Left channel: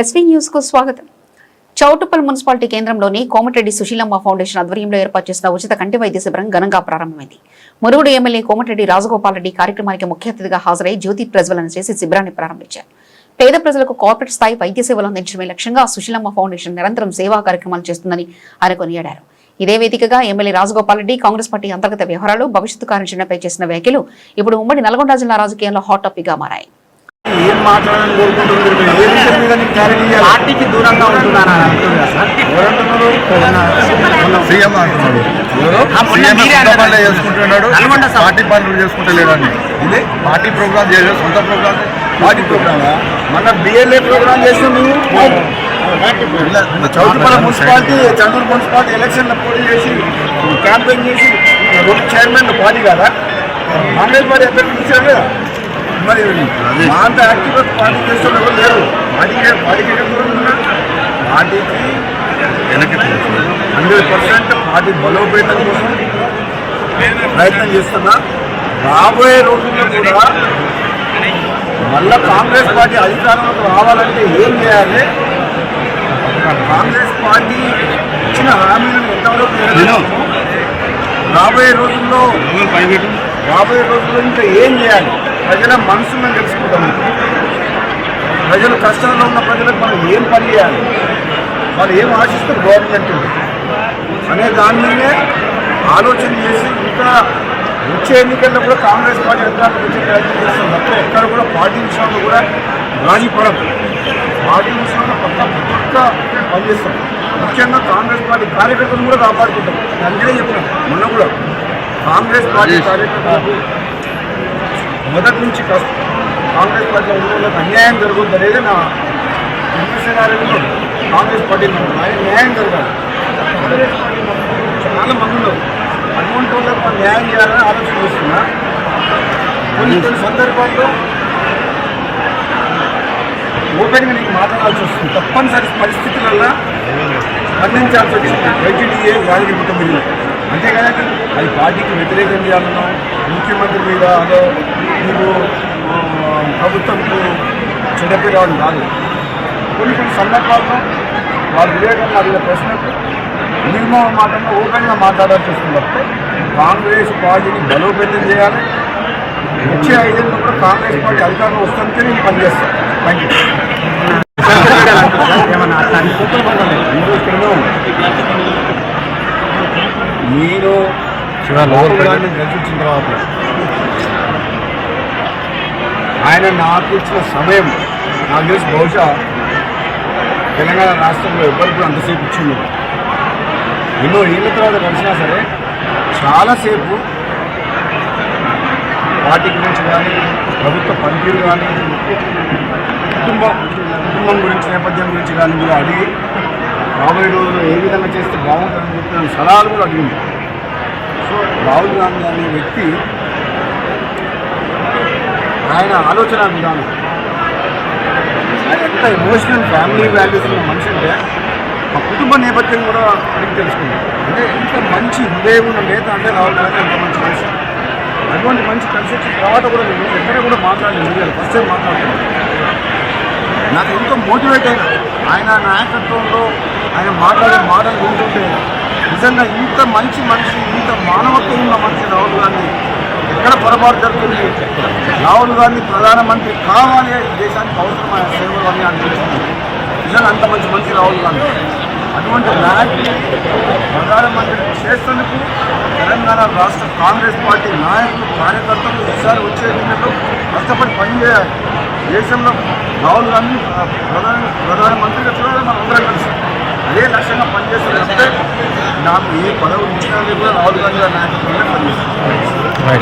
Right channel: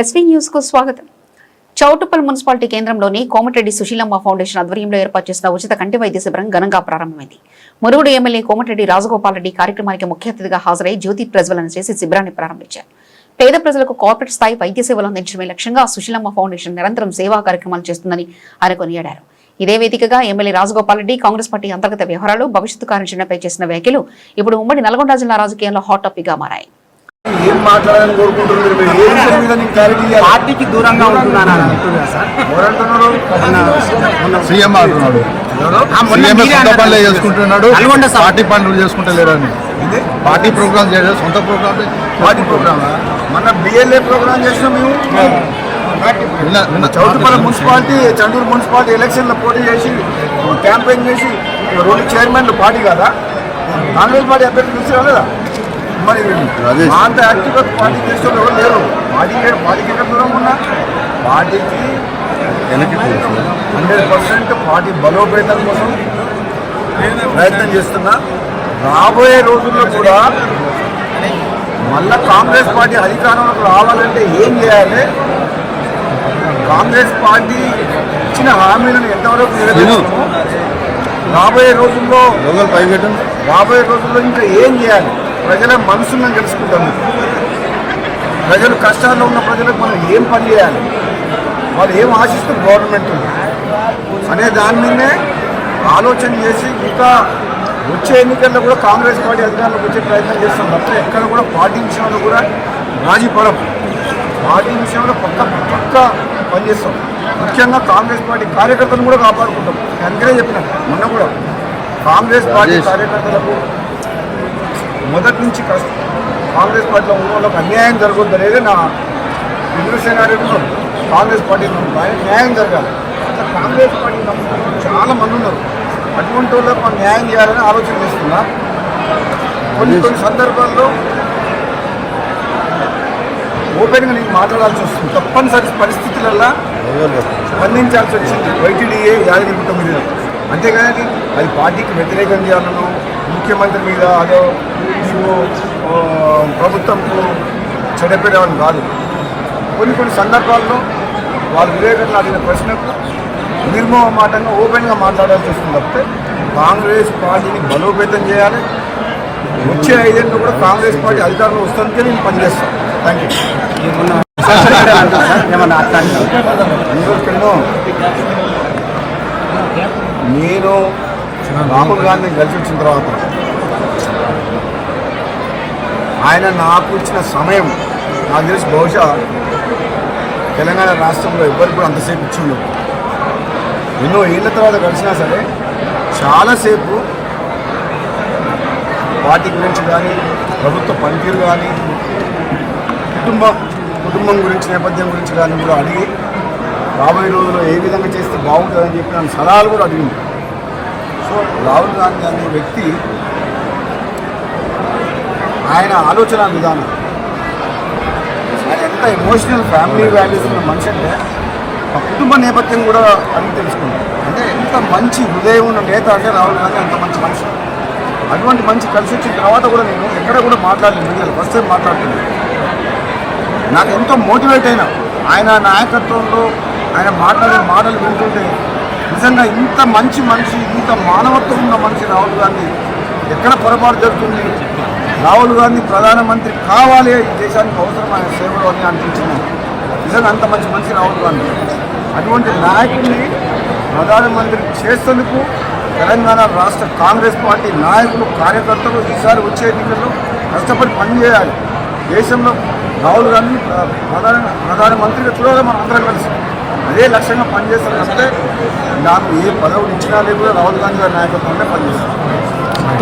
SV news కు స్వాగతం. Choutuppal municipality కేంద్రంలోని కోమటిరెడ్డి సుశీలమ్మ ఫౌండేషన్ ఆధ్వర్యంలో ఏర్పాటు చేసిన ఉచిత కంటి వైద్య శిబిరం ఘనంగా ప్రారంభమైంది. మురుగుడు ఎమ్మెల్యే కోమటిరెడ్డి రాజగోపాల్ రెడ్డి కార్యక్రమానికి ముఖ్య అతిథిగా హాజరై జ్యోతి ప్రజ్వలన చేసి శిబిరాన్ని ప్రారంభించారు. పేద ప్రజలకు కార్పొరేట్ స్థాయి వైద్య సేవలు అందించడమే లక్ష్యంగా సుశీలమ్మ ఫౌండేషన్ నిరంతరం సేవా కార్యక్రమాలు చేస్తుందని ఆయన కొనియాడారు. ఇదే వేదికగా ఎమ్మెల్యే రాజగోపాల్ రెడ్డి కాంగ్రెస్ పార్టీ అంతర్గత వ్యవహారాలు, భవిష్యత్తు కార్యాచరణపై చేసిన వ్యాఖ్యలు ఇప్పుడు ఉమ్మడి నల్గొండ జిల్లా రాజకీయాల్లో హాట్ టాపిక్ గా మారాయి. ఏం మాట్లాడాలని కోరుకుంటున్నారు? ఏ విషయం మీద నీకు క్లారిటీ ఇవ్వాలి? పార్టీకి దూరంగా ఉంటున్నాను ఎవరంటున్నారు? సీఎం అంటున్నాడు. పార్టీ పనులు చేసుకుంటలేడు అని పార్టీ ప్రోగ్రామ్ చేయలేదు. సొంత ప్రోగ్రామ్ పార్టీ ప్రోగ్రామా? మన బిఎల్ఏ ప్రోగ్రామ్ చేసినాం మేము. చౌటుప్పల్ మున్సిపాలిటీ, చండూరు మున్సిపాలిటీ ఎలక్షన్లో పోటీ చేసి క్యాంపెయిన్ చేసి 2 చైర్మన్ పార్టీ కదా, కాంగ్రెస్ పార్టీ అభ్యర్థి చూసారా లేదా? మరి అంత యాక్టివ్గా పార్టీ చేసే ఎవరు లేరు. పార్టీకి ఎక్కడ దూరం ఉన్నా పార్టీకి 100% పార్టీ బలోపేతం కోసం ప్రయత్నం చేస్తున్నా. రాబోయే రోజుల్లో కూడా మళ్ళా కాంగ్రెస్ పార్టీ అధికారంలోకి రావాలంటే ఏం చేయాలి? కాంగ్రెస్ పార్టీ ఇచ్చిన హామీలను ఎంతవరకు నెరవేర్చాము, రాబోయే రోజుల్లో ఇంకా ఏం చేయాలి? ప్రజల మనసులను తెలుసుకుంటాం. ప్రజలు కష్టాల్లో ఉన్న ప్రజలకు మనం ఏం పని చేయాలి, వాళ్ళు ఏం ఆశిస్తారు గవర్నమెంట్ అనే దాని మీదే ఆలోచన చేసి ఇంకా వచ్చే ఎన్నికల్లో కూడా కాంగ్రెస్ పార్టీ అధికారంలోకి వచ్చే ప్రయత్నం చేస్తుంది. తప్ప ఎక్కడ కూడా పార్టీ విషయంలో కూడా రాజీ పడం. పార్టీ విషయంలో పక్క పనిచేస్తాం. ముఖ్యంగా కాంగ్రెస్ పార్టీ కార్యకర్తలను కూడా కాపాడుకుంటాం. అందుకనే చెప్పిన మొన్న కూడా కాంగ్రెస్ పార్టీ కార్యకర్తలకు మొదటి నుంచి కాంగ్రెస్ పార్టీలో ఉన్న వాళ్ళకి అన్యాయం జరగొద్దు అనేది నా విమర్శనాలు. కాంగ్రెస్ పార్టీ నమ్ముతారు, న్యాయం జరగాలి. కాంగ్రెస్ పార్టీ నమ్ముతున్న చాలా మంది ఉన్నారు. అటువంటి వాళ్ళకు మనం న్యాయం చేయాలని ఆలోచన చేస్తున్నా. కొన్ని సందర్భాల్లో ఓపెన్గా నీకు మాట్లాడాల్సి వస్తుంది. తప్పనిసరి పరిస్థితులలో స్పందించాల్సి వచ్చింది. వైటీడీఏ యాదగిరిగుట్ట మీద అంతేగాని అది పార్టీకి వ్యతిరేకం చేయాలనో, ముఖ్యమంత్రి మీద అదో నీవు ప్రభుత్వంకు చెడపేరావని కాదు. కొన్ని సందర్భాల్లో వాళ్ళ వివేకంగా అడిగిన ప్రశ్నకు నిర్మోహమాటంగా ఓపెన్గా మాట్లాడాల్సి వస్తుంది. తప్పితే కాంగ్రెస్ పార్టీని బలోపేతం చేయాలి. వచ్చే 5 ఏళ్ళలో కూడా కాంగ్రెస్ పార్టీ అధికారంలో వస్తుంటే నేను పనిచేస్తాను. Thank you. నేను రాహుల్ గాంధీ గెలిపించిన తర్వాత ఆయన నాకు ఇచ్చిన సమయం నాకు తెలిసి బహుశా తెలంగాణ రాష్ట్రంలో ఎవరికి కూడా అంతసేపు ఇచ్చిండదు. ఎన్నో ఏళ్ళ తర్వాత కలిసినా సరే చాలాసేపు పార్టీ గురించి కానీ, ప్రభుత్వ పనితీరు కానీ, కుటుంబం గురించి, నేపథ్యం గురించి కానీ కూడా అడిగి రాబోయే రోజుల్లో ఏ విధంగా చేస్తే బాగుంటుందని చెప్పి నన్ను సలహాలు కూడా అడిగింది. సో రాహుల్ గాంధీ అనే వ్యక్తి ఆయన ఆలోచన విధానం, ఆయన ఎంత ఎమోషనల్ ఫ్యామిలీ వాల్యూస్ ఉన్న మనిషి అంటే మా కుటుంబ నేపథ్యం కూడా అడిగి తెలుసుకున్నాను. అంటే ఎంత మంచి హృదయం ఉన్న నేత అంటే రాహుల్ గాంధీ అంత మంచి మనిషి. అటువంటి మంచి కలిసి వచ్చిన తర్వాత కూడా నేను ఎక్కడ కూడా మాట్లాడలేదు. ఫస్ట్ టైం మాట్లాడుతున్నాను. నాకు ఎంతో మోటివేట్ అయినా ఆయన నాయకత్వంలో ఆయన మాట్లాడే మాటలు వింటుంటే నిజంగా ఇంత మంచి మనిషి, ఇంత మానవత్వం ఉన్న మనిషి రాహుల్ గాంధీ. ఎక్కడ పొరపాటు జరుగుతుంది? రాహుల్ గాంధీ ప్రధానమంత్రి కావాలి, దేశానికి అవసరమైన సేవలు అని అనిపించింది. నిజంగా అంత మంచి మనిషి రాహుల్ గాంధీ. అటువంటి నాయకుడిని ప్రధానమంత్రి చేసేందుకు తెలంగాణ రాష్ట్ర కాంగ్రెస్ పార్టీ నాయకులు, కార్యకర్తలు ఈసారి వచ్చే ఎన్నికల్లో కష్టపడి పనిచేయాలి. దేశంలో రాహుల్ గాంధీ ప్రధానమంత్రిగా చూడాలి. మనం అందరం కలిసి అదే లక్ష్యంగా పనిచేస్తామంటే నాకు ఏ పదవులు ఇచ్చినా కూడా రాహుల్ గాంధీ నాయకత్వంలో పనిచేస్తాం.